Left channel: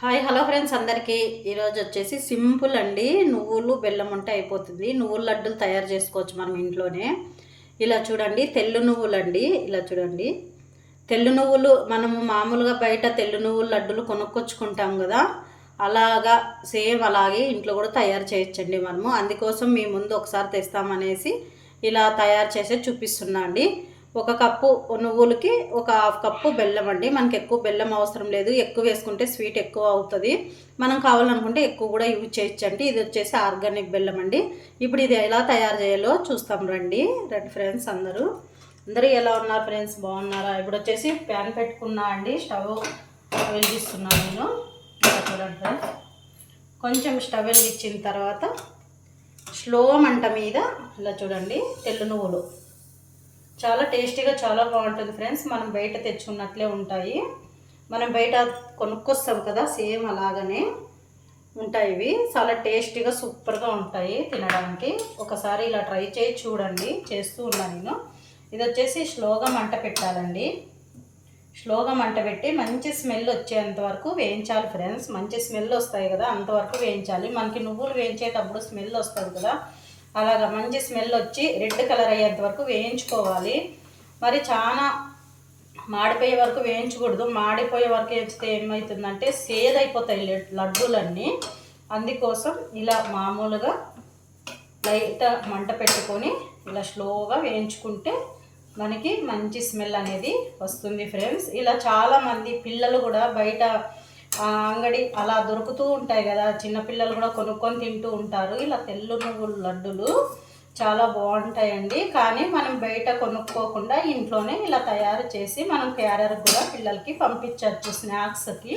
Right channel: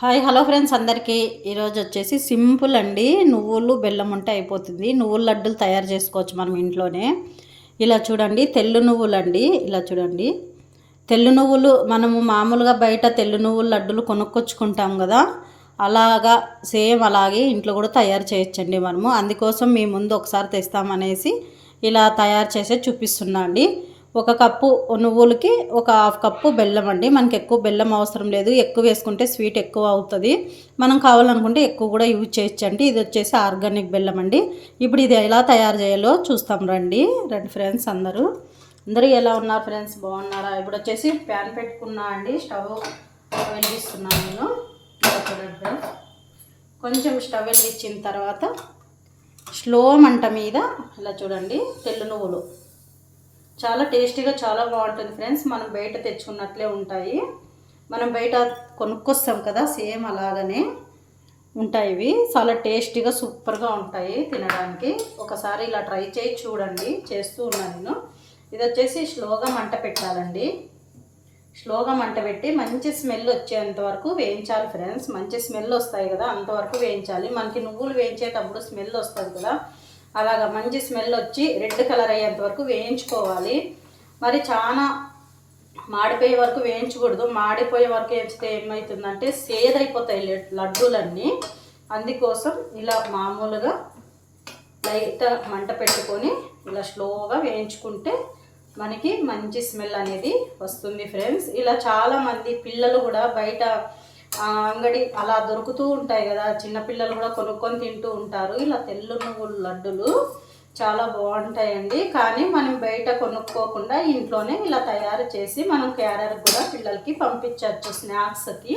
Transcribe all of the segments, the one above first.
Hi hello friends అందరికీ. ఈరోజు వచ్చేసి సింపుల్ అండి. నువ్వులు బెల్లం ఉంటే అయిపోతుంది. నువ్వుల లడ్డూలు తయారు చేసుకోవచ్చు మనం ఇంట్లోనే. ఇలా చూడండి తెల్లు నువ్వులు అండి. ఇలా చూడండి. తెల్లు నువ్వులు మనము మామూలుగా బయట తెల్లు నువ్వుల లడ్డూలు కొనుక్కొచ్చుకుంటాం కదా. అలాగా సేమ్ అలాగే ఇంట్లో కూడా తయారు చేయొచ్చండి మనము. అందుకోసం మీ ముందు ఒకసారి తెస్తామనేసి ఇలా తయారు చేసే చూపిస్తున్నా అండి. ఒక కప్పు నువ్వులకి ఒక హాఫ్ కప్పు బెల్లం అండి. మనకి ఎక్కువ బెల్లం అవసరం లేదు. ఎక్కువ వేసుకుంటే స్వీట్ ఎక్కువ అవుతుంది. మనం కావాలనుకుంటే ఎక్కువ కూడా యూజ్ చేయొచ్చండి. ఇది వచ్చేసి ఆర్గానిక్ బెల్లం అండి. ఇప్పుడు ఇది ఎలా తయారు చేయాలో చూస్తాం రండి. రండి ఫ్రెండ్స్ అందరూ. అందరూ ఎలా ఉన్నారు ఫ్రెండ్స్? బాగున్నారా? ఇప్పుడు వచ్చేసి ప్యాన్ పెట్టుకున్నా అండి. స్టవ్ వెలిగిస్తున్నాను నేను. చూడండి. కొంచెం స్టవ్ వెలిగించిన తర్వాత స్లో మంట మీద ఇలా చూడండి తెల్ల నువ్వులు. చాలా టేస్టీగా చాలా బాగుంటుంది ఫ్రెండ్స్. మనం బయట తెచ్చుకున్నట్లే ఉంటాయి. మనం బయట కొనుక్కొస్తాం కదా సేమ్ అలాగనే ఉంటాయి ఇవి. చాలా టేస్టీగా సూపర్గా ఉంటాయి తినడానికి. ఒకసారి ఇలా ట్రై చేయి చూడండి. చేస్తూ ఉన్నాను నేను. ఇది వచ్చేసి స్లోగా మంట పెట్టాలండి. స్లోగా మంట పెట్టి మంచి స్మెల్ వచ్చేంత వరకు వేయించాలి ఫ్రెండ్స్. మంచి స్మెల్ వస్తాయి కదా అంతవరకు వేయించాలి. మనకి నువ్వులు వేయించేటప్పుడు స్మెల్ వస్తుంది కదా. అలాగా మంచి స్మెల్ వచ్చి రెడ్ కలర్ అయ్యేంత వరకు వేయించుకోవాలి. మరి చాలా మాడిపోయే వరకు వేయించకూడదు. మాడిపోయే వరకు వేయించితే ఏమవుతుందంటే సేదైపోతాయి లడ్- లడ్డూలన్నీ. అందుకోసం ఇలా మామూలుగా లైట్ మంట పెట్టుకొని ఇలా స్లోగా వేయించుకుంటే మనకి మంచి స్మెల్ అనేది వస్తుంది ఫ్రెండ్స్. ఇలా చాలామంది పిల్లలు కూడా బయట అంగడి అలా దొరుకుతూ ఉంటాయి కదా. చిన్నపిల్లలు కూడా కొనుక్కొని తింటూ ఉంటారు. ఇలా తెల్ల నువ్వులు లడ్డులు చాలా బాగుంటాయండి. కానీ మనం బయట కొనుక్కోకుండా ఇంట్లోనే ఇలా తయారు చేసి మనం క్యారర్ కూడా పిల్లలకి పంపించవచ్చు స్నాక్స్కి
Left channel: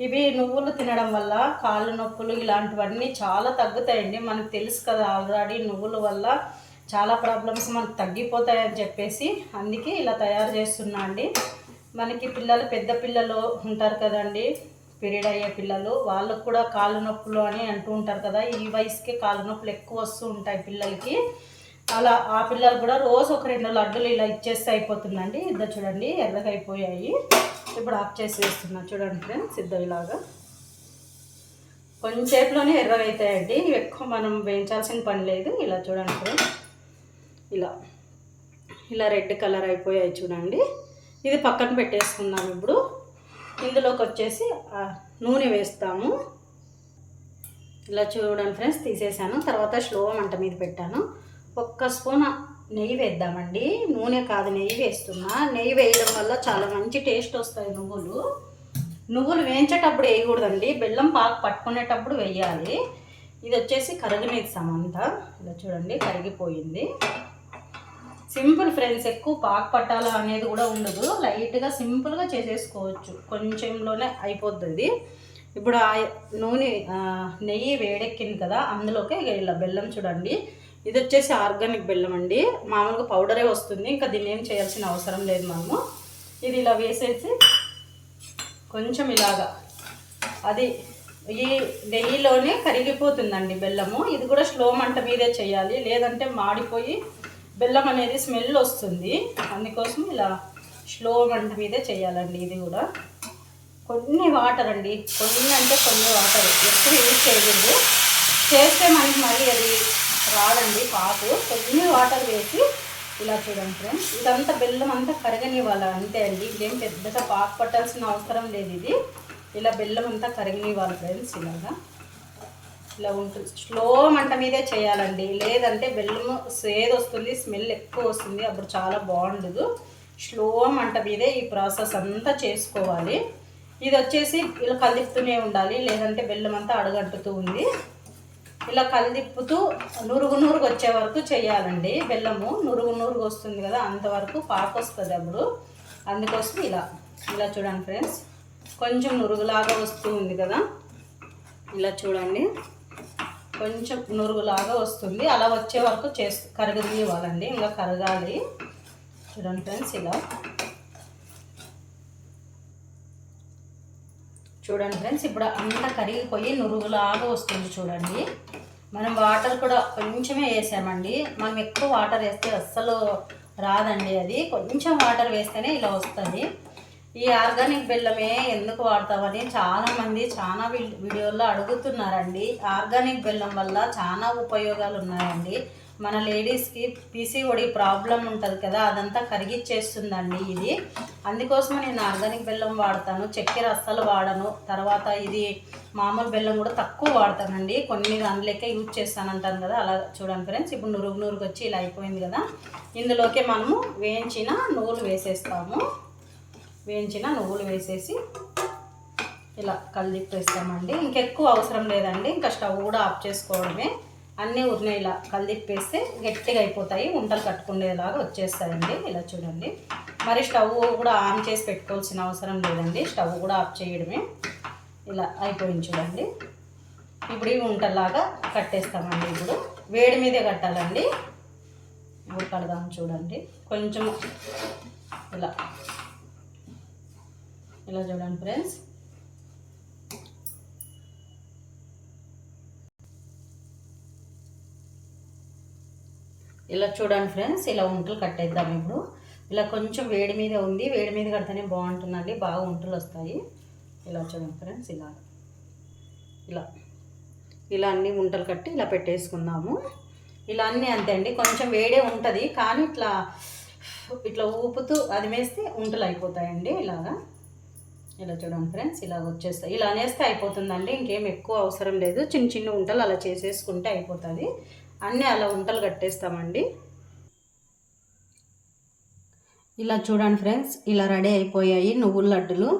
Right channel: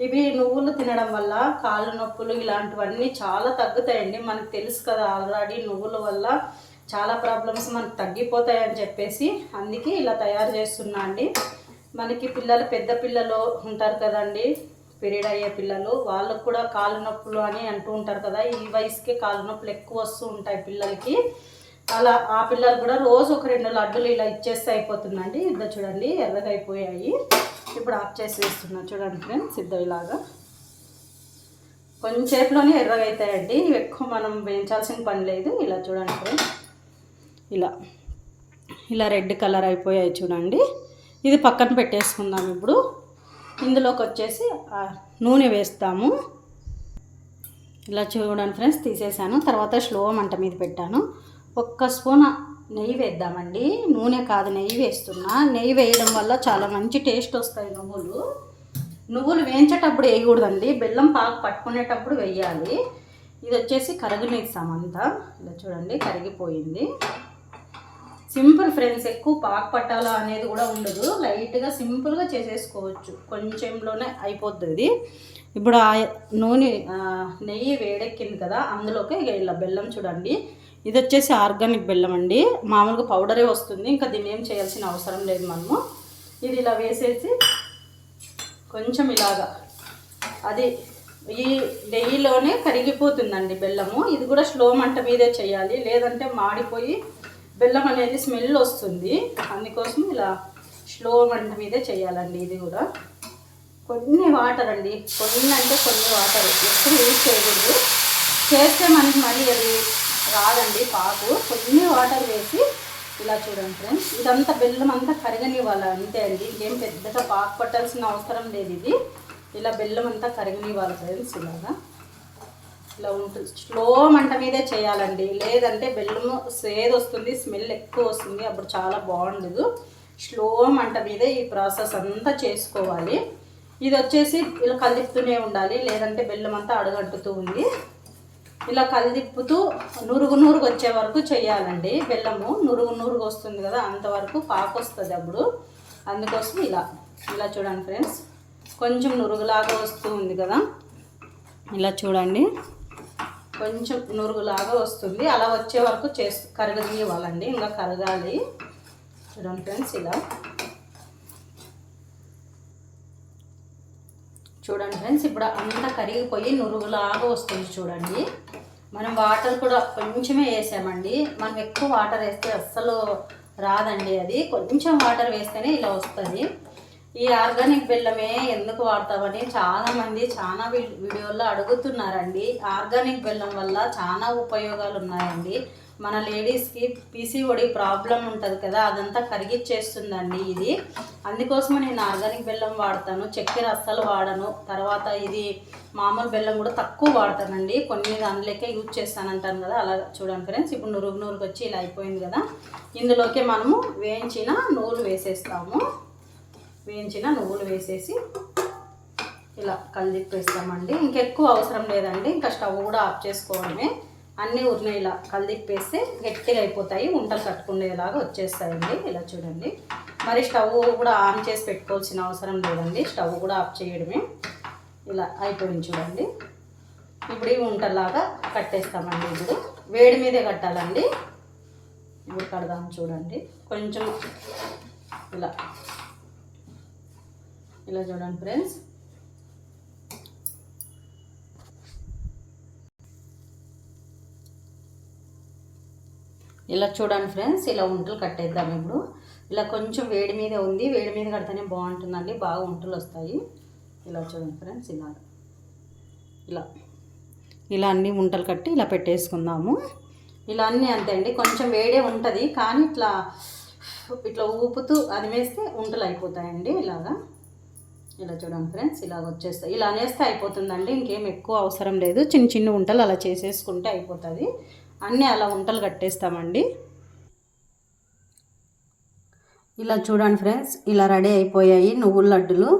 ఇవి నువ్వులు తినడం వల్ల కాళ్ళు నొప్పులు ఇలాంటివన్నీ చాలా తగ్గుతాయండి. మనకు తెలుసు కదా ఆల్రెడీ నువ్వుల వల్ల చాలా ప్రాబ్లమ్స్ మనకు తగ్గిపోతాయని చెప్పేసి అందుకే ఇలా తయారు చేస్తున్నా అండి. మనకి పిల్లలు పెద్ద పిల్లలు ఉంటారు కదండి. పీరియడ్ అయ్యే పిల్లలు వాళ్ళకు కూడా కాళ్ళు నొప్పులు అని అంటూ ఉంటారు కదా ఈ వయసుకే కాళ్ళు నొప్పులు ఎక్కువ వస్తూ ఉంటాయి పిల్లలకి. అలా ఆ పిల్లలు కూడా రోజు ఒక రెండు లడ్డులు ఇలా ఇచ్చేస్తే అయిపోతుందండి. ఇద్దరు చూడండి ఎర్రగా అయిపోయాయి ఇప్పుడు ఆఫ్ చేసి వేస్తున్నా. చూడండి ఫ్రెండ్స్ ఇద్దరు ఇలాగా. కొంచెంసేపులోనే ఎర్రగా అవుతాయండి ఇవి ఎక్కువ మనం వేయించాల్సిన పని లేదు. ఇలా చూడండి ఫ్రెండ్స్. ఇలా. ఇలా రెడ్ కలర్ అయిపోయాయి చూడండి. ఇది పక్కన పెట్టేసుకుందాం ఇప్పుడు. ఇందులోకి వచ్చేసి నూనె వేస్తాము. ఇలా చూడండి ఫ్రెండ్స్ తీసేసాను. తర్వాత స్లో మంట మీద పెట్టాను. ఒక్క స్పూన్ నెయ్యి వేద్దామండి. నూనె కాదు నెయ్యి వేస్తున్నా. నెయ్యి వేయడం వల్ల చాలా మంచి టేస్ట్ వస్తాయి నువ్వులు. నువ్వులు వేయించేటప్పుడు వేయకూడదండి. బెల్లం పాకు పట్టుకునేటప్పుడు వేయాలి. ఇది వచ్చేసి కరగనిస్తామంతా ఇలా చూడండి కరిగిపోయింది. సింపుల్ ఫ్రెండ్స్ ఎక్కువ పాకు పట్టాలా అనేది కూడా ఉండదు. లైట్గా సింపుల్గా చేసేసుకోవచ్చు. కొంచెంలోనే అయిపోతుంది ఇప్పుడు ఆ నూనె నెయ్యి వేడెక్కింది కదా అందులోకి ఇలా బెల్లం చూడండి. ఇది వచ్చేసి ఆర్గానిక్ బెల్లం అండి. మామూలుగా పౌడరే వస్తుంది. ఇంకా దీన్ని ఏం చేయాల్సిన అవసరం లేదు మనము. ఇది ఇలా వేసేసి కొంచెం ఇలాగా అది ఈ నెయ్యిలోనే కరిగిపోతుందండి బెల్లము. ఇది కూడా స్లో మంట మీదే చేయాలి. లేదంటే మాడిపోయి బెల్లం అనేది స్మెల్ వస్తుంది. అందుకోసం ఇలా స్లో మంట మీదే చేయాలండి ఇది కూడా. కొన్ని వాటర్ అండి. కొన్ని అంటే కొన్ని వాటర్. ఎప్పుడు యూజ్ చేయకూడదు. చేస్తే మనకి మళ్ళీ అది రాదండి పాకు. కొన్ని వాటర్ వేసి ఇలా చూడండి ఫ్రెండ్స్. ఇదంతా బెల్లం అంతా కరగనివ్వాలి? అంతే అండి. ఇదేం పెద్దగా పాకు పట్టాల్సిన అవసరం లేదు ఇది. ఇలా బెల్లం అంతా కరగనివ్వాలి ఫ్రెండ్స్ ఇలాగా. ఇలా ఉంటుంది. స్లో మంట మీదే చేయాలండి. లేదంటే బెల్లము సేదు వస్తుంది స్మెల్ ఎక్కువ వస్తుంది అప్పుడు చాలా బాగుండదు. స్లో మంట మీదే ఈ ప్రాసెస్ అంతా చేసుకోవాలి. ఇది వచ్చేసి ఇలా కలిపుతూనే ఉండాలి. లేదంటే బెల్లం అంతా అడుగంటుతూ ఉంది. ఇలా కలిదిప్పుతూ నురుగు నురుగు వచ్చే వరకు చేయాలండి. బెల్లము నురుగు నురుగు వస్తుంది కదా అంతవరకు పాకు వస్తుంది అప్పుడు. అందుకోసం ఇలా ఇలా చూడండి ఫ్రెండ్స్. కొంచెం నురుగులాగా వస్తూ ఉంది కదా. ఇలా చూడండి. కొంచెం నురుగులాగా వస్తుంది. అలా వచ్చే వరకు చేస్ కరగదీయవాలండి. ఇంకా కరగాలి. చూడండి ఫ్రెండ్స్ ఇలా. చూడండి ఫ్రెండ్స్ ఇప్పుడు అంతా కరిగిపోయి నురుగులాగా వస్తుంది చూడండి. మనం వాటర్ కూడా కొంచెమే వేసామండి. మనం ఎక్కువ వాటర్ వేస్తే అస్సలు రాదండి అది. కొంచెం వాటర్ వేస్తేనే ఇలా వస్తుంది. ఈ ఆర్గానిక్ బెల్లమే ఎందుకు వాడతామని చాలా మంది చాలా వీడియోల్లో అడుగుతున్నారండి. ఆర్గానిక్ బెల్లం వల్ల చాలా ఉపయోగాలు ఉన్నాయండి. మన లేడీస్కి పీసీఓడి ప్రాబ్లం ఉంటుంది కదా అదంతా కరిగిచ్చేస్తుందండి ఇది. అందుకోసమే నేను ఆర్గానిక్ బెల్లం వాడతాను చక్కెర అస్సలు వాడను. తర్వాత ఇది మామూలు బెల్లం కూడా తక్కువ వాడతానండి. కొన్ని దానిలోకే యూజ్ చేస్తానంటాను కదా అలా చూడండి ఫ్రెండ్స్. ఇప్పుడు నురుగు నూరుకు వచ్చి ఇలా అయిపోయింది కదా. ఇందులోకి మనము వేయించిన నూలు వేసేస్తాము. వేయించిన నువ్వులు వేసేసి ఇలా కలిదిప్పేస్తామండి ఇంకెక్కువ అవసరం లేదండి. ఇంకా స్టవ్ కూడా ఆఫ్ చేసుకోవడమే. అన్నీ ఉరిని ఇలా కలిదిప్పేస్తే గట్టిగా అయిపోతాయి. ఉంటలు కట్టుకునేలాగా వచ్చేస్తాయండి. ఇలా చూడండి. మరి స్టవ్ కూడా ఆన్ చేసి పెట్టుకోవాల్సిన అవసరం లేదండి. స్టవ్ కూడా ఆఫ్ చేయడమే. ఇలా అయిపోయింది చూడండి. ఇప్పుడు ఇవి ఉంటలాగా కట్టేస్తామండి ఇప్పుడు. వేడి మీదే కట్టాలండి. ఇప్పుడు కడదాం చూడండి. కొంచెం ఇలా ఇలా చూడండి ఫ్రెండ్స్. ఇలా చూడండి ఫ్రెండ్స్ ఇలా ఉంటలు కట్టేద్దాం ఇప్పుడు. ఇలా కొంచెం వేడి మీద ఉంది. వేడి మీద కడితేనే బాగుంటుందండి. బాగా ఉంటలు వస్తాయి. ఇలా చూడండి ఫ్రెండ్స్ ఇలా. ఇలా. ఇలా అన్ని ఉంటలు కట్టి ఇలా పెట్టేసుకుందాము. ఇలా అన్నీ అంతే అండి. కొంచెం వేడే ఉంటుంది కానీ ఇట్లా ఇట్లా ఊపుతూ అది వేస్తే ఉంటలు అయిపోతాయండి ఇలాగా. ఇలా చూడండి ఫ్రెండ్స్ ఇలా వచ్చేస్తాయి. ఇలా అనేస్తే అయిపోతుందండి ఇంకేం ఎక్కువ అవసరం లేదు. చిన్న చిన్న వంటలు అలా చేసేసుకుంటే అయిపోతుంది. అన్నీ అలా వంటలు కట్టేస్తామండి. ఇలా చూడండి ఫ్రెండ్స్ ఇలా రెడీ అయిపోయాయి నువ్వుల లడ్డులు.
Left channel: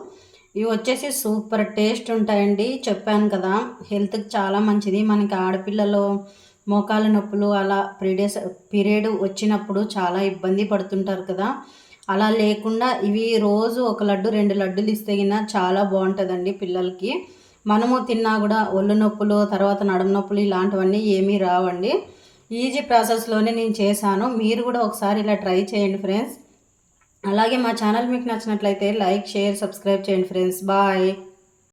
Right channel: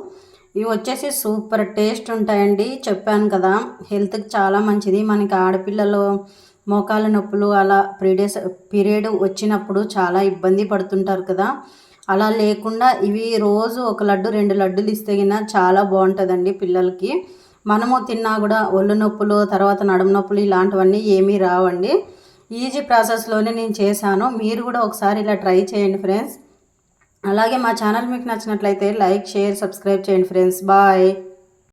ఇవి వచ్చేసి సూపర్ టేస్ట్ ఉంటాయండి. చెప్పాను కదా హెల్త్కి చాలా మంచిది. మనకి ఆడపిల్లలు మోకాళ్ళ నొప్పులు అలా పీరియడ్స్ పీరియడ్ వచ్చినప్పుడు చాలా ఇబ్బంది పడుతుంటారు కదా. అలా లేకుండా ఇవి రోజు ఒక లడ్డు రెండు లడ్డులు ఇస్తే గిన చాలా బాగుంటుందండి పిల్లలకి. మనము తిన్నా కూడా ఒళ్ళు నొప్పులు తర్వాత నడుము నొప్పులు ఇలాంటివన్నీ ఏమీ రావండి. ఈజీ ప్రాసెస్లోనే నేను చేశాను. మీరు కూడా ఒకసారి ఇలా ట్రై చేయండి ఫ్రెండ్స్. అలాగే మా ఛానల్ మీకు నచ్చినట్లయితే లైక్ షేర్ సబ్స్క్రైబ్ చేయండి ఫ్రెండ్స్. బాయ్.